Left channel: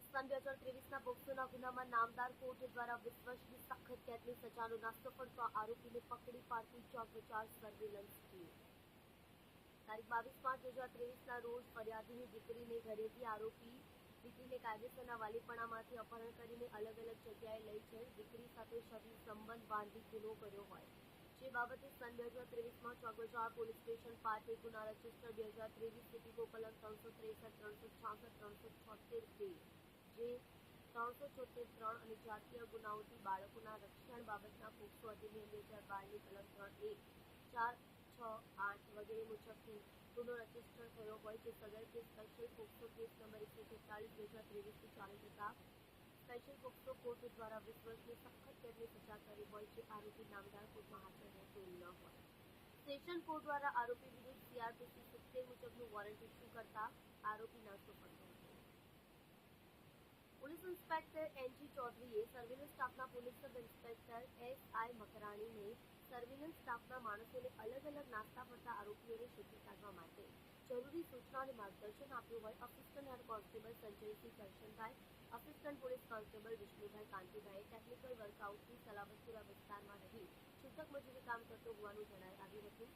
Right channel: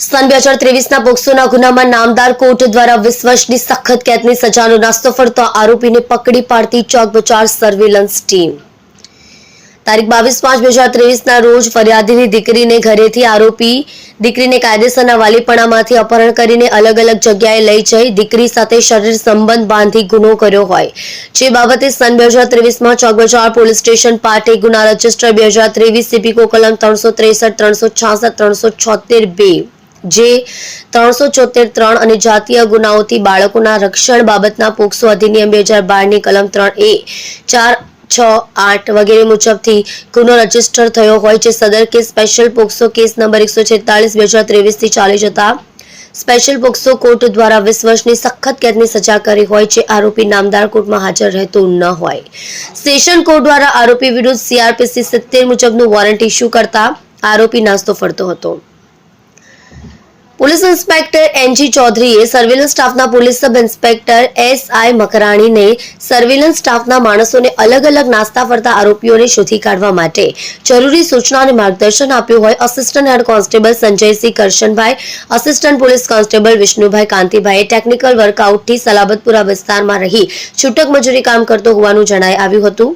સન 2023ના પોક્સોના ગુનામાં નામદાર કોર્ટ દ્વારા 20 વર્ષની સખત કેદની સજાનો નાસ્તો ફરતો આરોપીને પકડી પાડતી ચોક બજાર સર્વેલન્સ ટીમ તારીખ 22/5/2023ના રોજ ફરિયાદીની દીકરીને ઘરેથી આરોપી દીકરીને કાયદેસરના વાલીપણામાંથી અપહરણ કરીને અલગ અલગ જગ્યાએ લઈ જઈ દીકરી સાથે શરીર સંબંધ બાંધી ગુનો કર્યો હોય જે બાબતે સન 2023માં ચોક બજાર પોલીસ સ્ટેશન પાટે ગુના રજિસ્ટર 2023 સીપીકો કલમ 363 366 376 જે 374 અને જાતીય ગુનાઓથી બાળકોના રક્ષણ બાબતના પોક્સો અધિનિયમ 2012ની કલમ 3A 4, 6, 8 વગેરે મુજબથી ગુનો રજીસ્ટર થયો હોય જે સદર case special POCSO case number 146/2023 થી ચાલી જતા સ્પેશિયલ પોક્સો કોર્ટ દ્વારા 20 વર્ષની સખત કેદની સજા કરી હોય જે આરોપી નામદાર કોર્ટમાં હાજર રહેતો ન હોય સેશન કોર્ટ દ્વારા આરોપી વિરુદ્ધ CRPC 70 મુજબનું વોરંટ ઇસ્યુ કરતા આરોપી નાસ્તો ફરતો હતો। पुलिस इंस्पेक्टर NG चौधरीए सर्वेलन्स स्टाफना पुलिस सब इंस्पेक्टर SI मकराणीने सर्वेलन्स स्टाफना माणसोने अलग अलग नास्ता फरता आरोपीओने शोधी काढवा माटे जरूरी सूचना અને માર્ગદર્શન આપ્યું હોય assistant head constable Sanjaysinh Karshanbhai, assistant police constable Vishnubhai કાંતિભાઈએ ટેકનિકલ વર્કઆઉટથી સલાબતપુરા વિસ્તારમાં રહી છૂટક મજૂરી કામ કરતો હોવાનું જણાઈ આવ્યું હતું।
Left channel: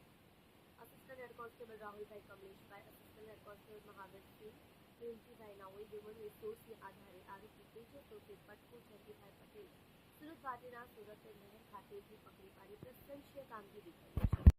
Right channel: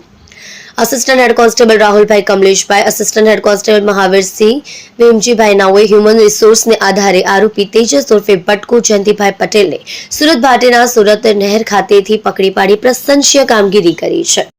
Assistant head constable Rahulbhai Kamleshbhai, assistant head constable Mahavirsinh Bhimjibhai नाओए ह्यूमन रिसोर्स ने आधारे आरोपी तेजस उर्फे बटकू जयंतीभाई पटेल ने सूरत भाटेना सूरत नहर खातेथी पकड़ी पाड़ी प्रशंसनीय कामगीरी करी है।